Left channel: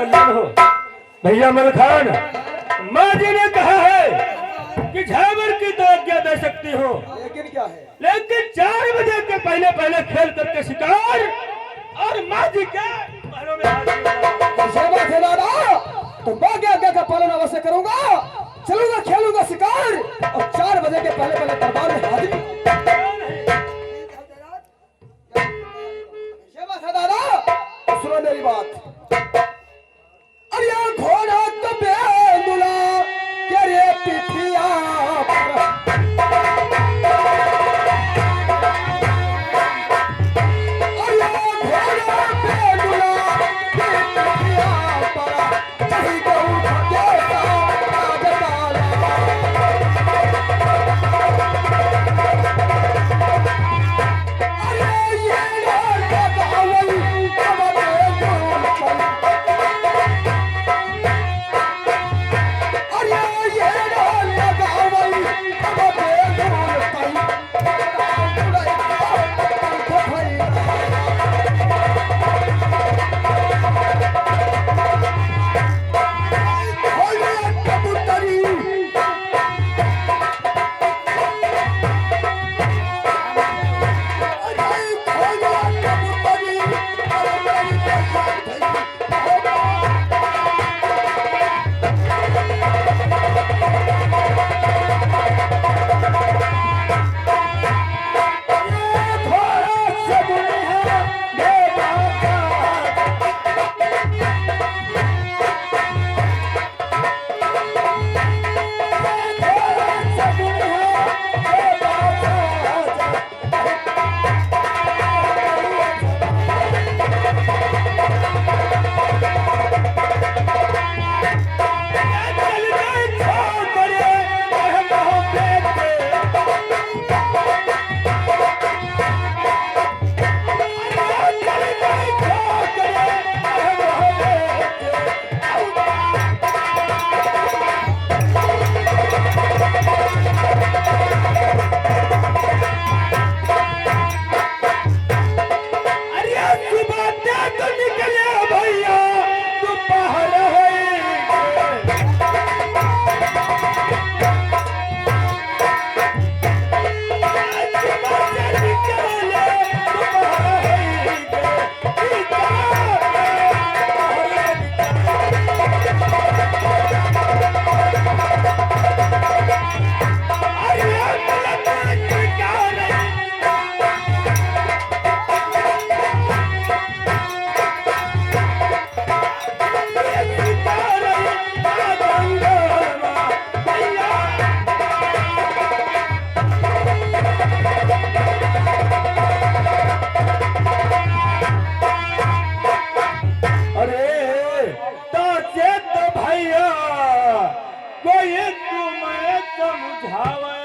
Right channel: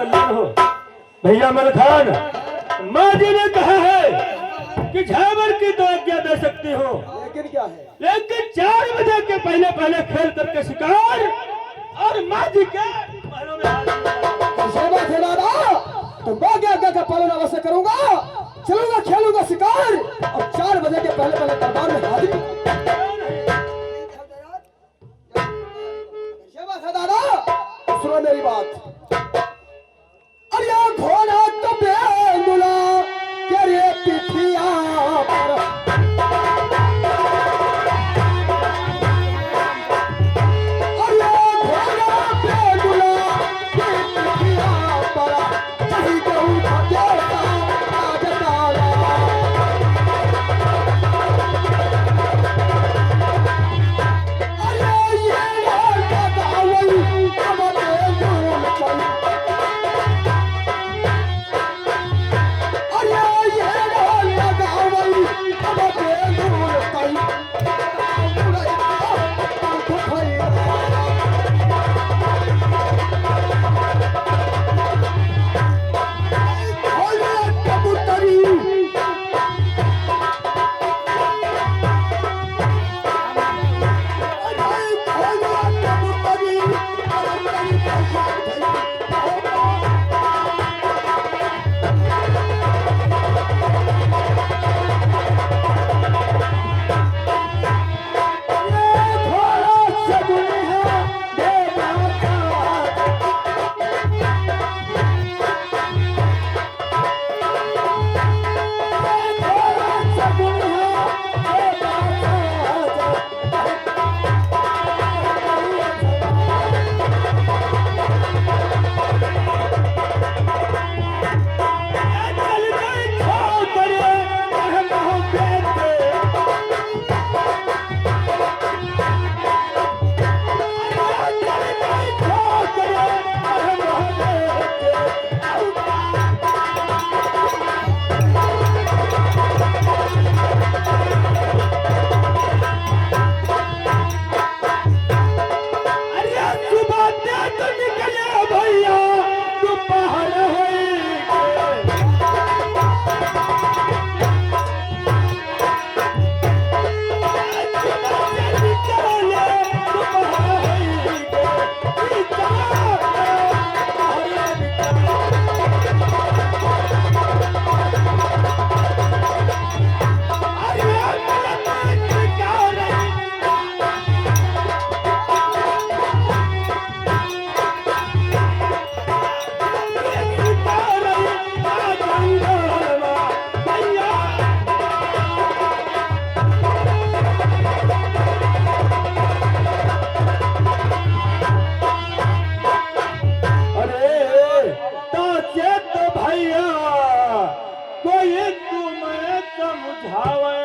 कल्याण हो। भैया मलखान, माँ जी ने कहा है कि झावर की तो आज्ञा दे सकती हो, लेकिन क्या है? लेकिन 4 बजे के पहले पहले खेल करके शिकार और माँ जी के महलों में हाजिर हो। कैसे बात है दादा? तो माँ की आज्ञा का पालन अवश्य करूंगा, चलूंगा, खेलूंगा शिकार और 4 बजे के पहले पहले दरबार में हाजिर। कैसे बात है दादा? सुनो मेरी बात। अरे घोड़ा तो बेंदुला के रे पिठिया पर, अरे घोड़ा बेंदुला के पिठिया पर, चाही गऊ भगेता राजदारा। अरे ये लगावल हमारे दूर पर, अरे ये लगावल हमारे दूर पर, कबूतरी कोई तुम्हें समझावे।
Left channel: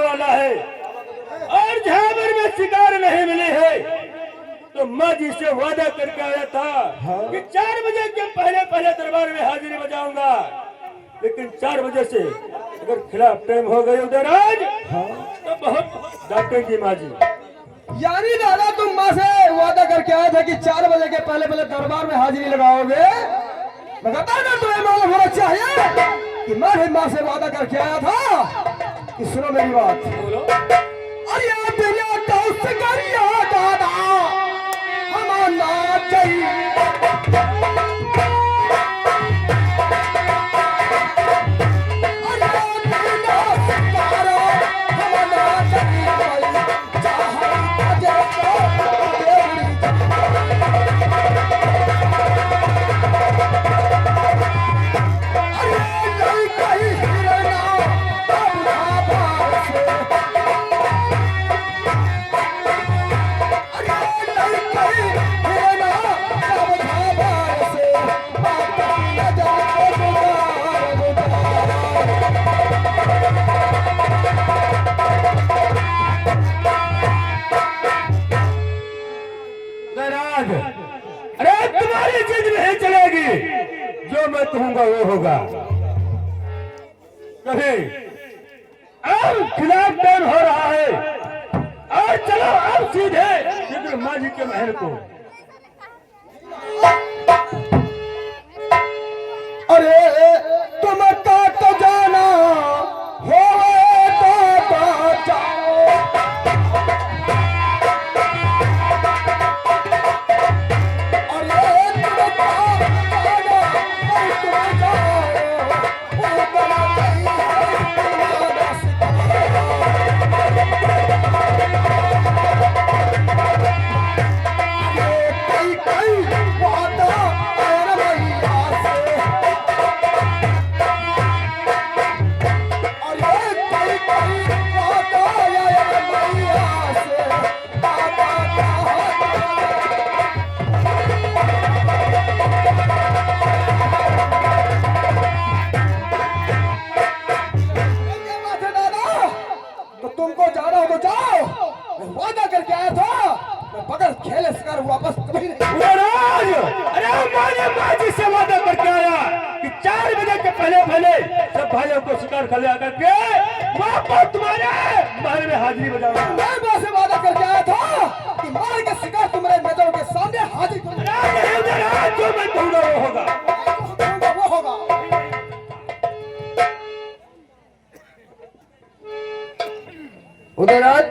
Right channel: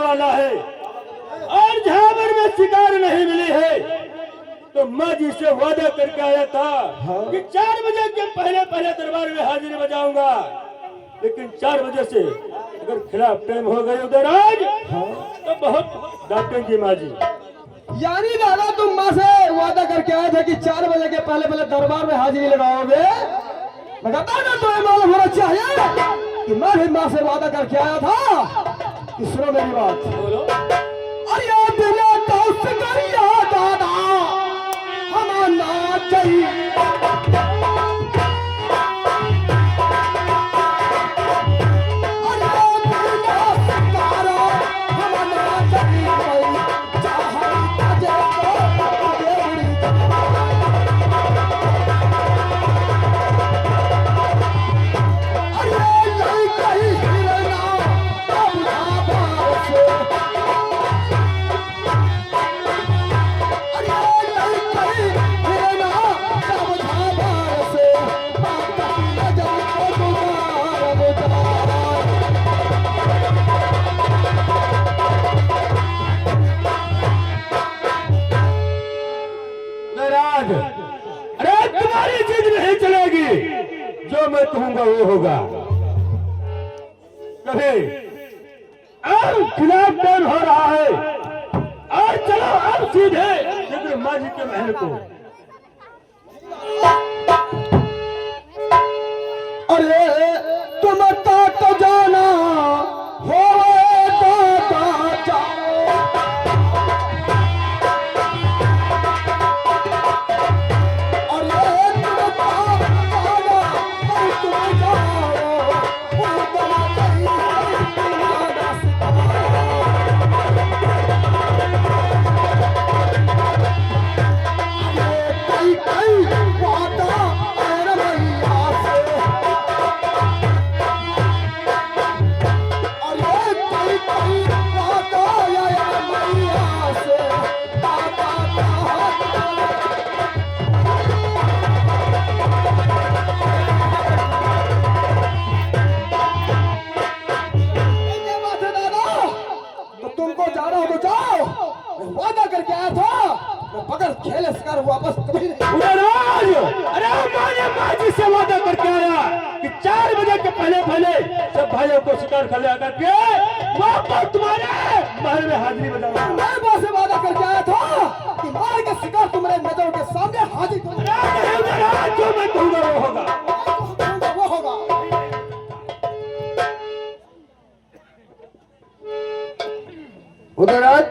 वाला है और झावर में शिकार नहीं मिली है, तो मैं जिससे वादा करके आया था कि 4 बजे के पहले पहले दरबार में हाजिरी बजाऊंगा, लेकिन 4 बजे से अगर खिलाफ टाइम हो गई उधर आज तो बहुत डांटेंगी माँ जी। यानी दादा तुम माँ से वादा करके आया था कि 4 बजे के पहले पहले दरबार में हाजिरी लगाओगे, मगर दादा तुम्हें मालूम होना चाहिए कि मैं भी माँ से वादा करके आया था कि सुनो मेरी बात। अरे तेरा दोस्त करिया दादा हमारा चाहिए, अरे तेरा सितारा हमारा चाहिए। महाराज, अरे तुम्हारी जिद नहीं चलेगी, जो मैं कहूंगा वो होगा। कभी अब खिलाफ टाइम हो रहा है, और चलो अब सीधे ब्रह्मा जी के महल को। अरे तुम काट जाना हो तो जाओ, अरे तुम काट जाना हो तो जाओ, वो बना नहीं कई कई वादा और भैया से, तुमको जाना हो तो जाओ, मैं वादा करके आया था, मैं बगैर खेले शिकार वापस कभी नहीं। महाराज, अरे माने बाजी से वादा करके आया कि 4 बजे के पहले पहले सब भाइयों को शिकार कर लिया करके वापस तुम्हारे महल में हाजिरी बजाऊंगा। मैं वहां से वादा करके आया था कि मार के शिकार तुम्हारे नजरों के सामने हाजिर करूंगा। जो मैं कहूंगा वो होगा। वो होगा। उदयराज,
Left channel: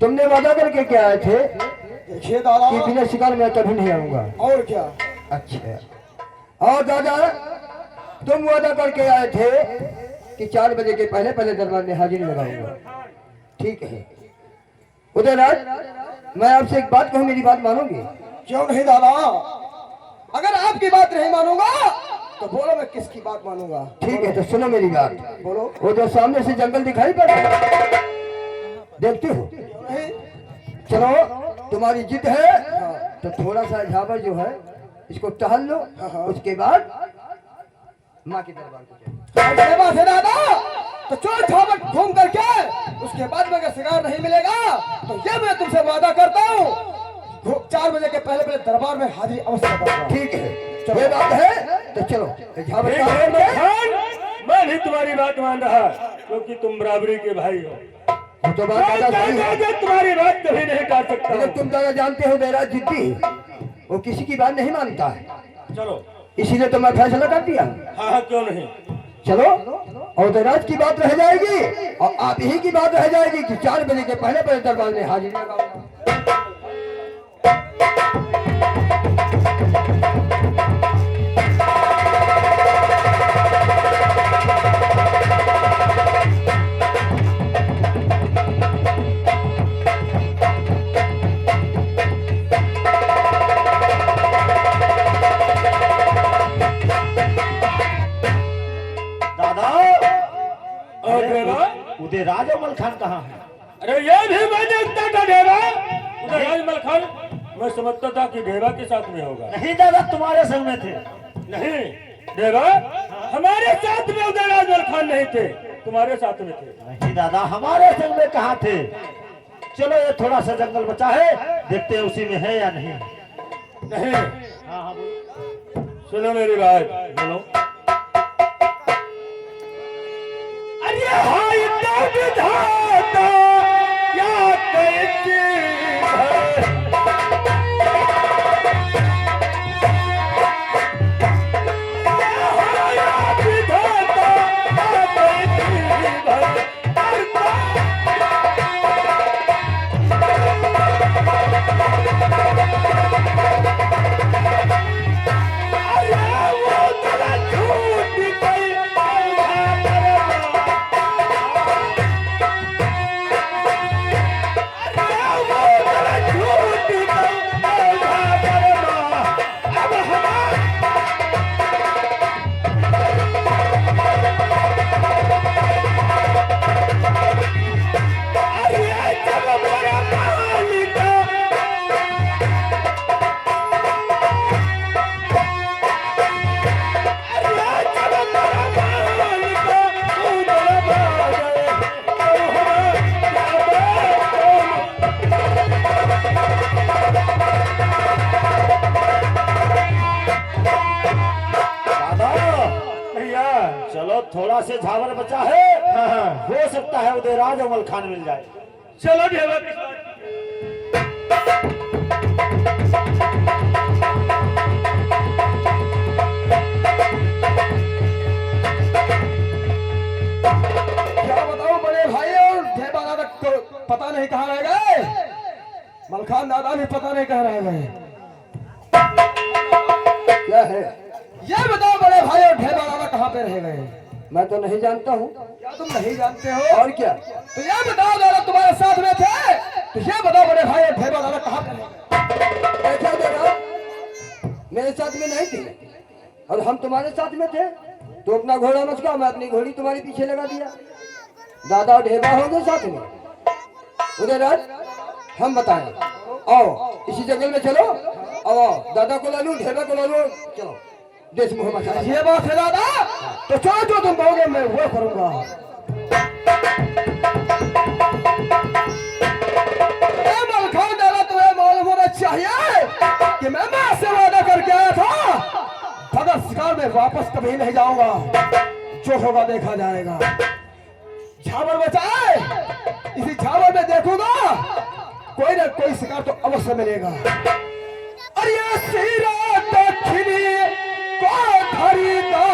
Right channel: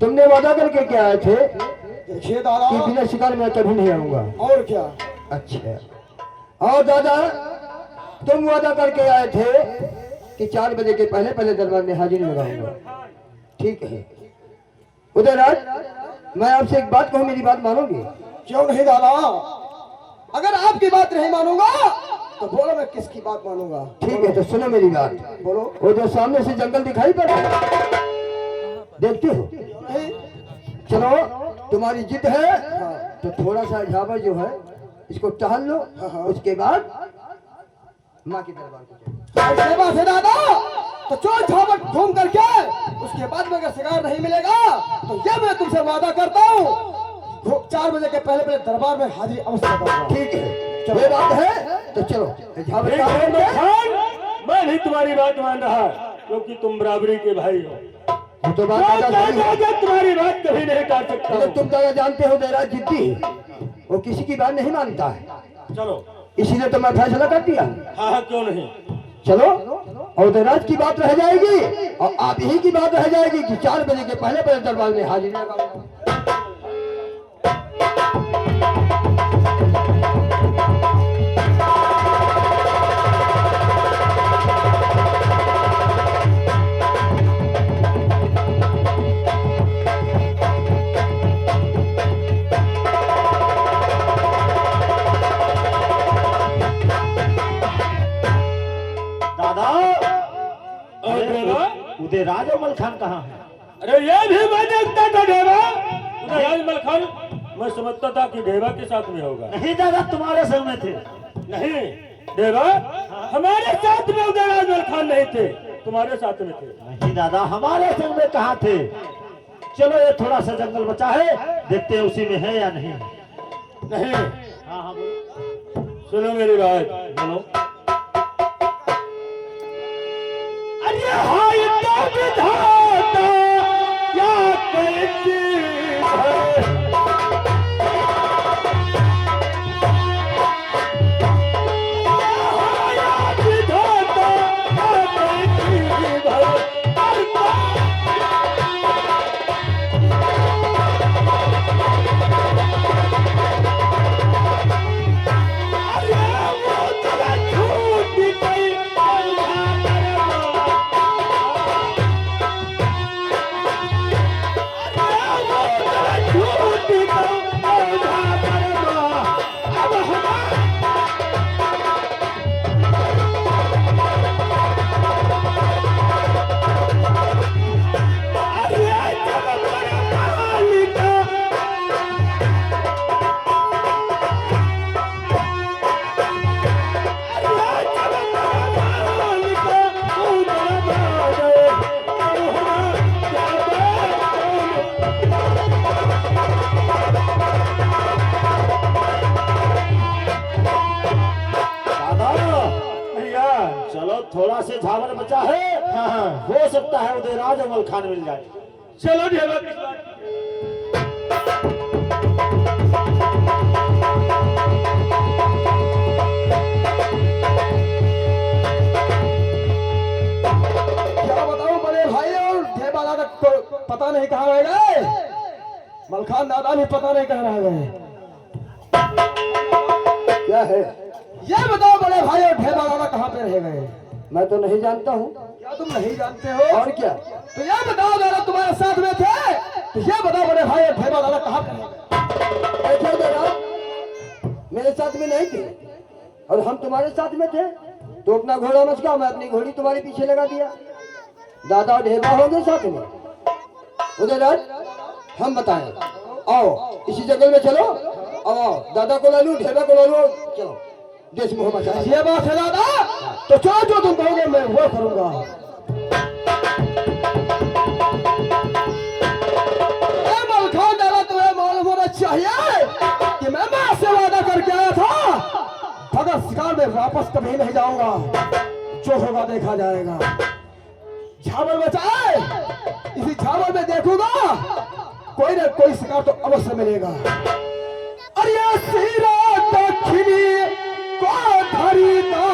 तुमने वादा करके क्या आए थे देखिए दादा, कि बिना शिकार में कभी नहीं आऊंगा? और क्या? अच्छा। और दादा, तुम वादा करके आए थे कि 4 बजे के पहले पहले दरबार में हाजिरी लगाऊंगा। ठीक है उदयराज, मैं आपसे एक बात कहूं, मेरी बात मानोगे? क्यों नहीं दादा, अगर आपकी बात नहीं मानूंगा तो बोलो मैं किसकी बात मानूंगा। ठीक है, तो सुनो मेरी बात। बोलो। वो जो सामने से जंगल दिखाई पड़ रहा है, देखते हो? चलो, तुम्हारी जिद है तो थोड़ा सा झावर जो है इसको टहल लो, उसके बाद माँ के दरबार को ऐसे बात है दादा, तो चोर छावट घूम करके उसके बाद में अगर शिकार नहीं मिलेगा तो ये मैं तुमसे वादा करता हूँ 4 बजे के पहले पहले दरबार में हाजिरी अवश्य करूंगा। ठीक है, चलो ये बात है तो चलो झावर एक का मिनट खान, मैं भी तुम्हारी बात मान रहा, क्योंकि तुम बराबरी के भाई हो। वो तो बात दादा सही है। तुम्हारी बात कभी नहीं काट सकता। लेकिन तुम दादा जानते हो उदयराज जिद्दी, वो किसी की बात नहीं मानता है, चलो, इसीलिए तो मैं फैसला कर दिया। हाँ हाँ, क्यों नहीं। चलो, और उदयराज की बात रह जाएगी और आप ही की बात रह जाएगी कि 4 बजे के पहले पहले दरबार में हाजिरी लगाऊंगा। उदयराज और मलखान कहाँ है? अरे ये भी मैं देखता था ढेबा, उदयराज मलखान मैं समझता था कि ढेबा के साथ में होगा। नहीं दादा, तुम्हारे संग में थे। नहीं ढेबा, हमारे साथ में उदयराज मलखान नहीं थे, तुम्हारे साथ में थे। नहीं दादा, हमारे संग में कहाँ थे? चलो, ये थोड़ा सा जंगल बचा है, देखते हैं उसी में है या नहीं। नहीं, हाँ हाँ बोलो। सुनो मेरी बात। बोलो। अरे हाय तो विधाता क्या कहती है, थोड़ा से झावर बचा है, हाँ हाँ हो सकता है उदयराज और मलखान मिल जाए। चलो ढेबा की बात। क्या बताऊं बड़े भाई, और ढेबा दादा को पता नहीं कहाँ रह गए, मलखान दादा भी पता नहीं कहाँ रह गए। क्या है ये बताओ बड़े भाई, और ढेबा दादा कहाँ पे रह गए? मैं तो नहीं जानता हूँ। क्या तुम नहीं जानते हो? और क्या? तो ये बताओ दादा तुम्हारे साथ में थे, तो ये बताओ बड़े भाई और ढेबा दादा कहाँ पे रह गए? ऐसा दादा मेरे साथ में नहीं थे और हम तुम्हारे साथ में थे, तो अपना घोड़ा मचका, मैं अपनी घोड़ी तुम्हारे पीछे लगा दिया। दादा और ढेबा हो गए साथ में। उदयराज हम बताएं, आओ इसी जंगल में चलो, आओ दादा को ला लो, ढेबा को ला लो, चलो देश मुँह बचा। ये बात है दादा, तो चलो जो तुम कहोगे मैं वो करूंगा। मलखान दादा तुम्हें मालूम होना चाहिए कि मैं मां से वादा करके आया था, बगैर शिकार में वापस कभी नहीं जाऊंगा, जो होगा देखा जाएगा। झावर बचाए, इसी झावर में देखूंगा कोई ना कोई शिकार तो अवश्य मिलेगा। अरे सीरा दक्षिणी को धरीदा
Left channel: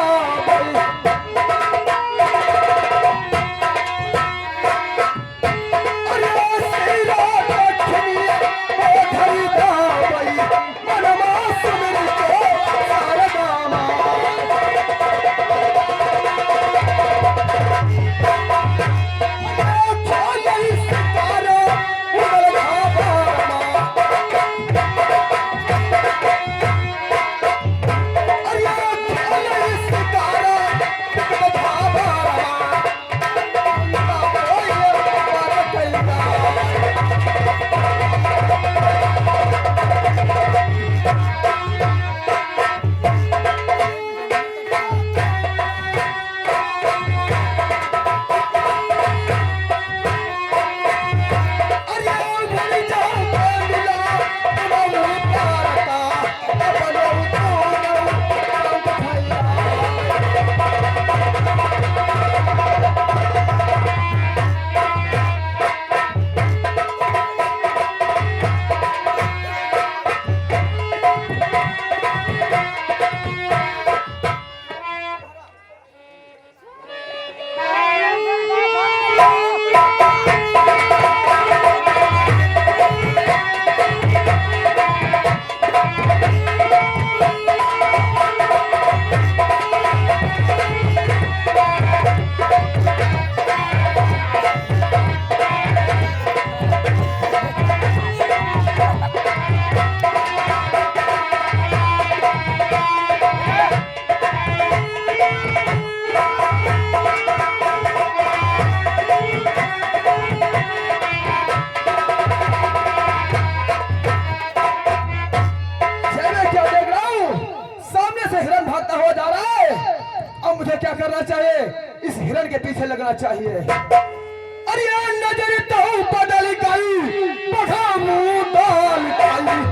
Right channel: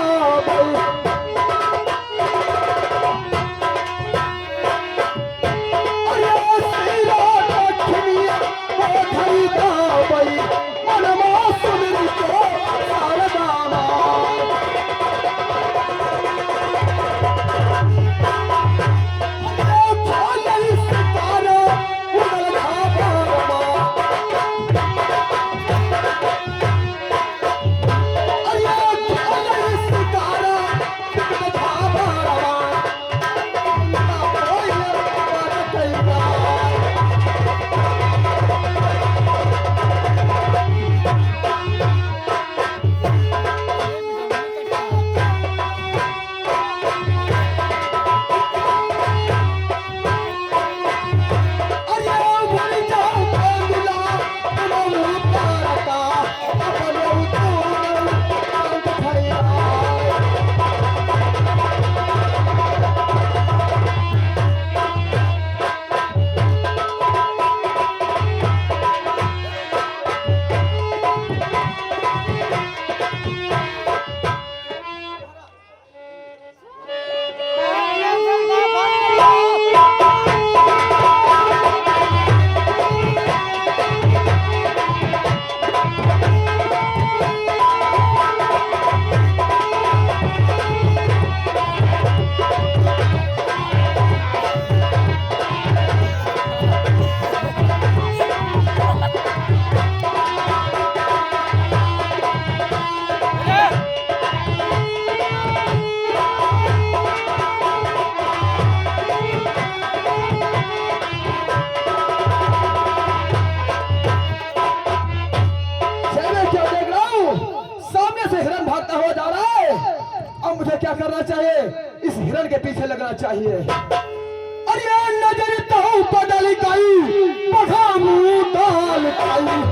क्या करना चाहिए? इस हिरण के पीछे लगना चाहिए। अरे नजर तो बदल गई, बढ़ा मुंह डाल गई।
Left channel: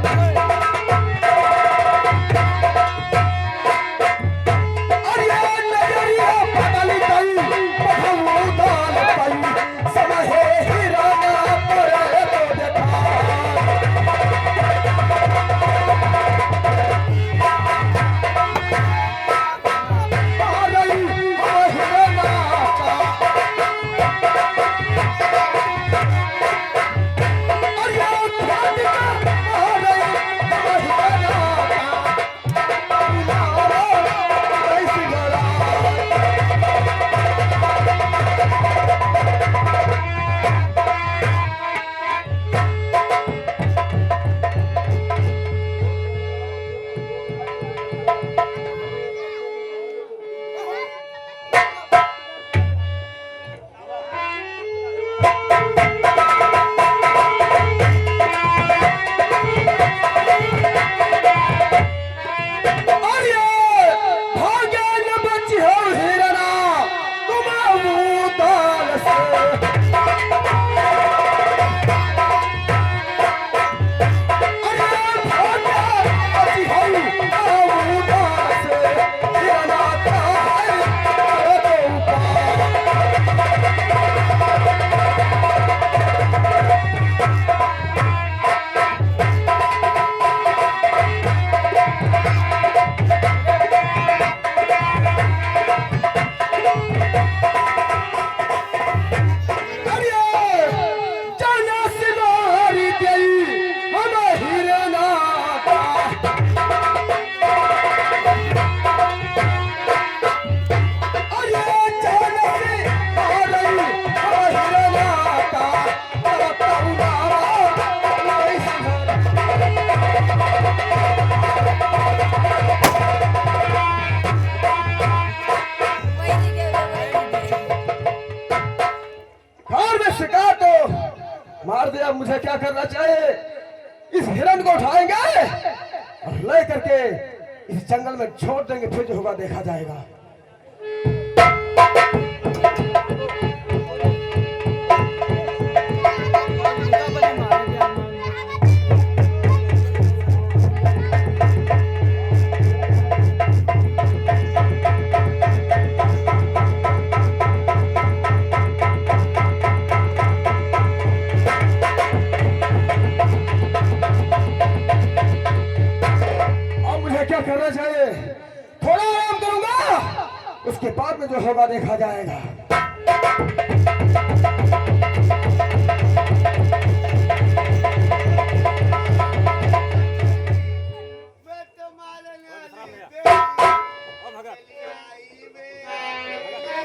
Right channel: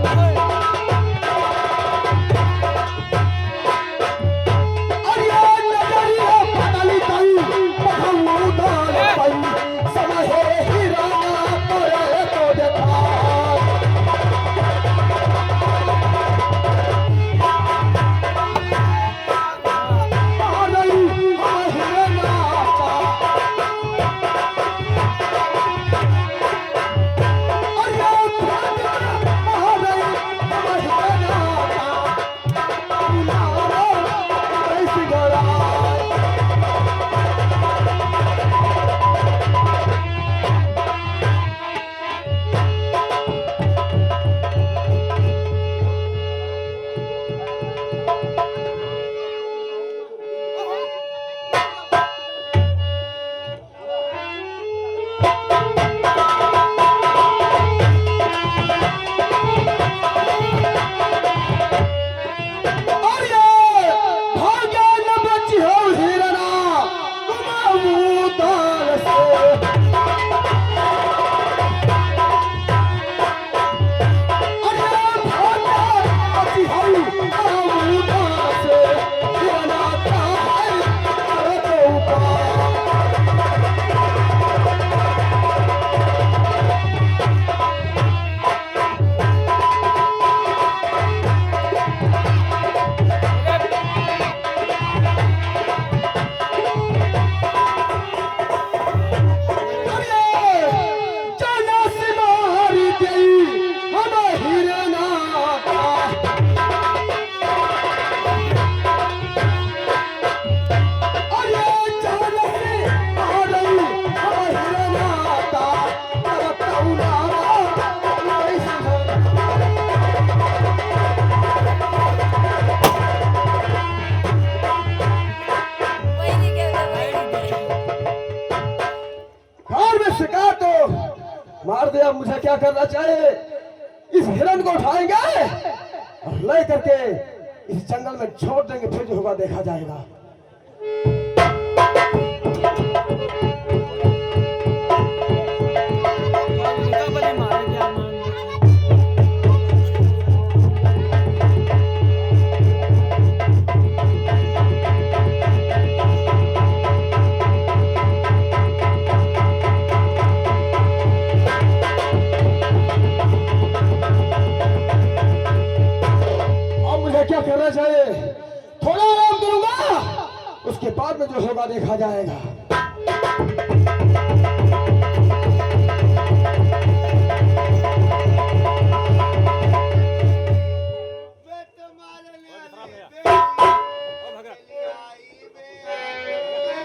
शिकार तो मार दिया, मुझे क्या करना चाहिए? इस हिरण को उठाएंगे और ले करके इस जंगल में छोड़ देंगे, फिर जो होगा देखा जाएगा। क्या करना चाहिए? थोड़ा आराम करूंगा, उसके बाद में जो होगा देखा जाएगा।